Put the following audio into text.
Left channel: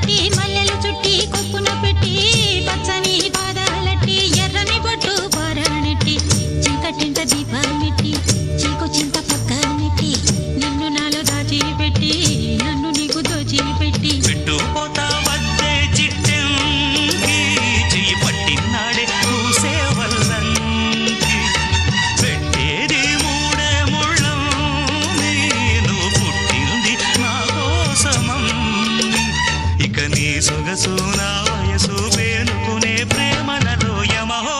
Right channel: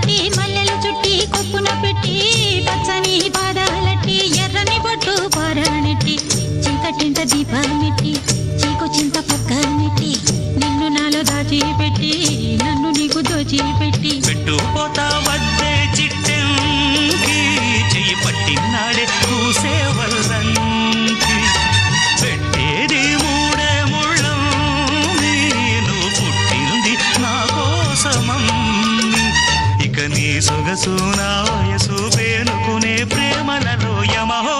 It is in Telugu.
కట్టి మల్లెలు చుట్టి కొప్పున పెట్టి పచ్చని పాదాలట్టి ఎర్రని బొట్టు పారాణెట్టి చీకటింట దీపమెట్టి చీకు చింత పక్క నెట్టి నిన్ను నాలో దాచిపెట్టి నన్ను నీకు దోచిపెట్టి పెట్టుపోతా వద్దే చిట్టంకి చెయ్యి పట్టినాడే కూసే వల్లంకి పెట్టేది మూడే ముళ్ళం నువ్వు పుట్టింది నా కోసమమ్మి ఇక నీ సొగసు నా వయసు పేనుకునే ప్రేమలలో యమహో